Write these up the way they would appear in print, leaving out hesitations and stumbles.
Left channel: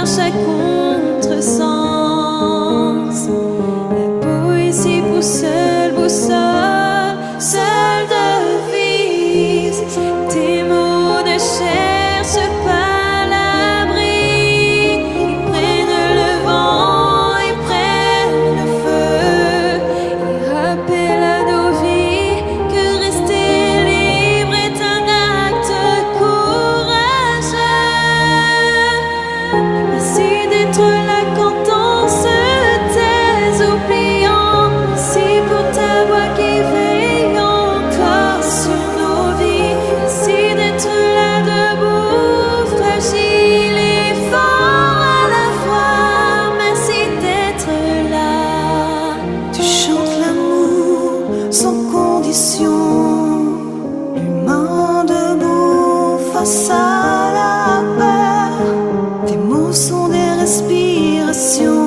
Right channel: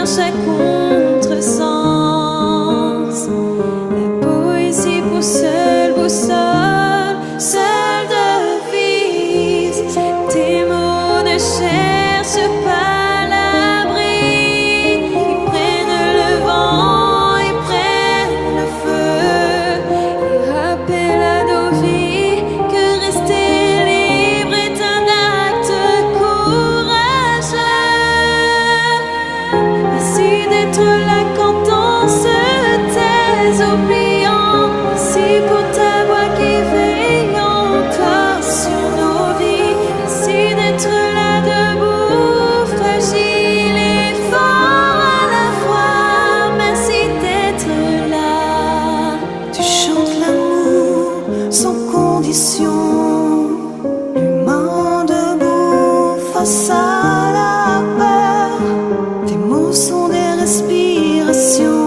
marche à contresens. La poésie pour seule boussole, seule devise. Tes mots ne cherchent pas l'abri. Ils prennent le vent, ils prennent le feu. Ils rappellent à nos vies que rester libre est un acte courageux. Merci d'être là quand on se tait, oubliant. Merci pour ta voix qui veille encore sur nos vies. Merci d'être là debout, fragile et fort à la fois. Merci d'être là. Tu chantes l'amour sans condition, l'humain debout face à la peur. Tes mots sont des respirations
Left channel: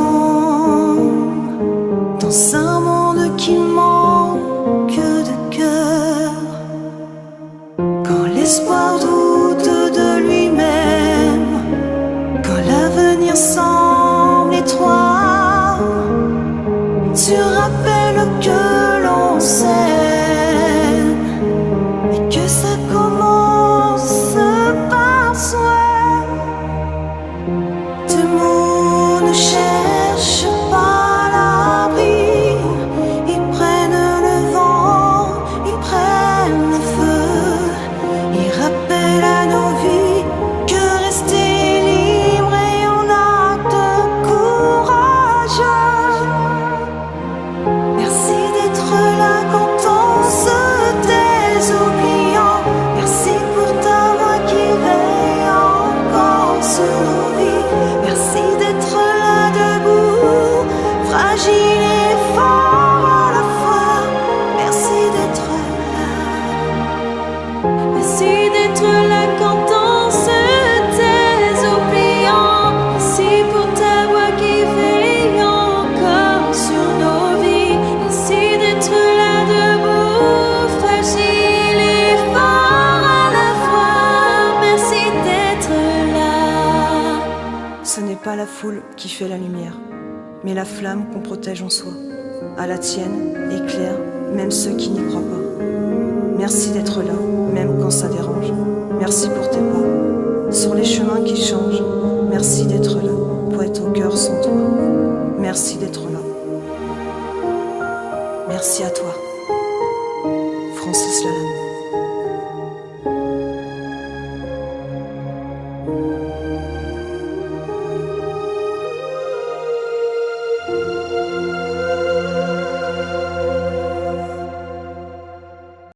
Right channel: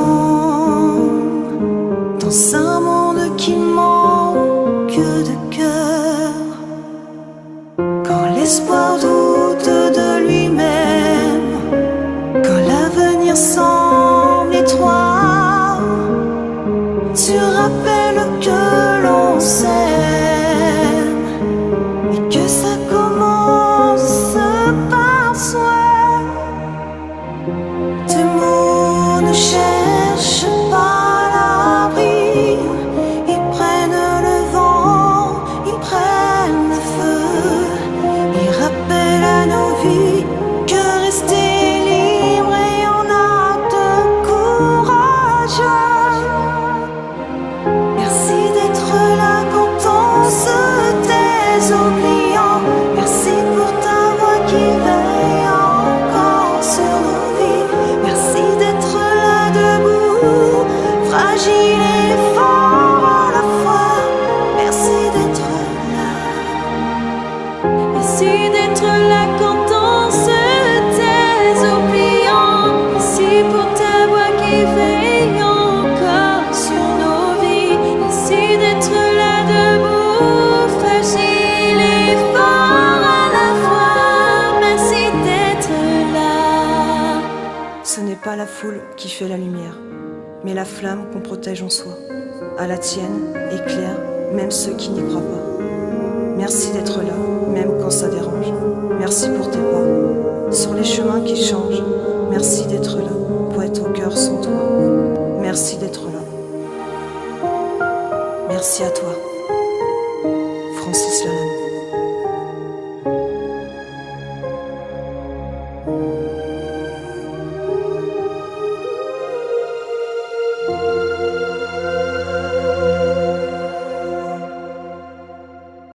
dans un monde qui manque de cœur. Quand l'espoir doute de lui-même, quand l'avenir semble étroit, tu rappelles que l'on s'aime et que ça commence par soi. Tes mots ne cherchent pas l'abri. Ils prennent le vent, ils prennent le feu. Ils rappellent à nos vies que rester libre est un acte courageux. Merci d'être là quand on se tait, oubliant. Merci pour ta voix qui veille encore sur nos vies. Merci d'être là debout, fragile et fort à la fois. Merci d'être là. Merci d'être là quand on se tait, oubliant. Merci pour ta voix qui veille encore sur nos vies. Merci d'être là debout, fragile et fort à la fois. Merci d'être là. Ce n'est pas la foule qui fait la lumière, mais la flamme qu'on protège en soi. À la tienne, éclaire même ceux qui n'y croient pas. Merci d'être là, même quand ça dérange. Merci pour tes pas, sur les chemins qui changent. Merci d'être là, poète au cœur sans toi. Merci d'être là. Merci à toi, Francis Lalanne.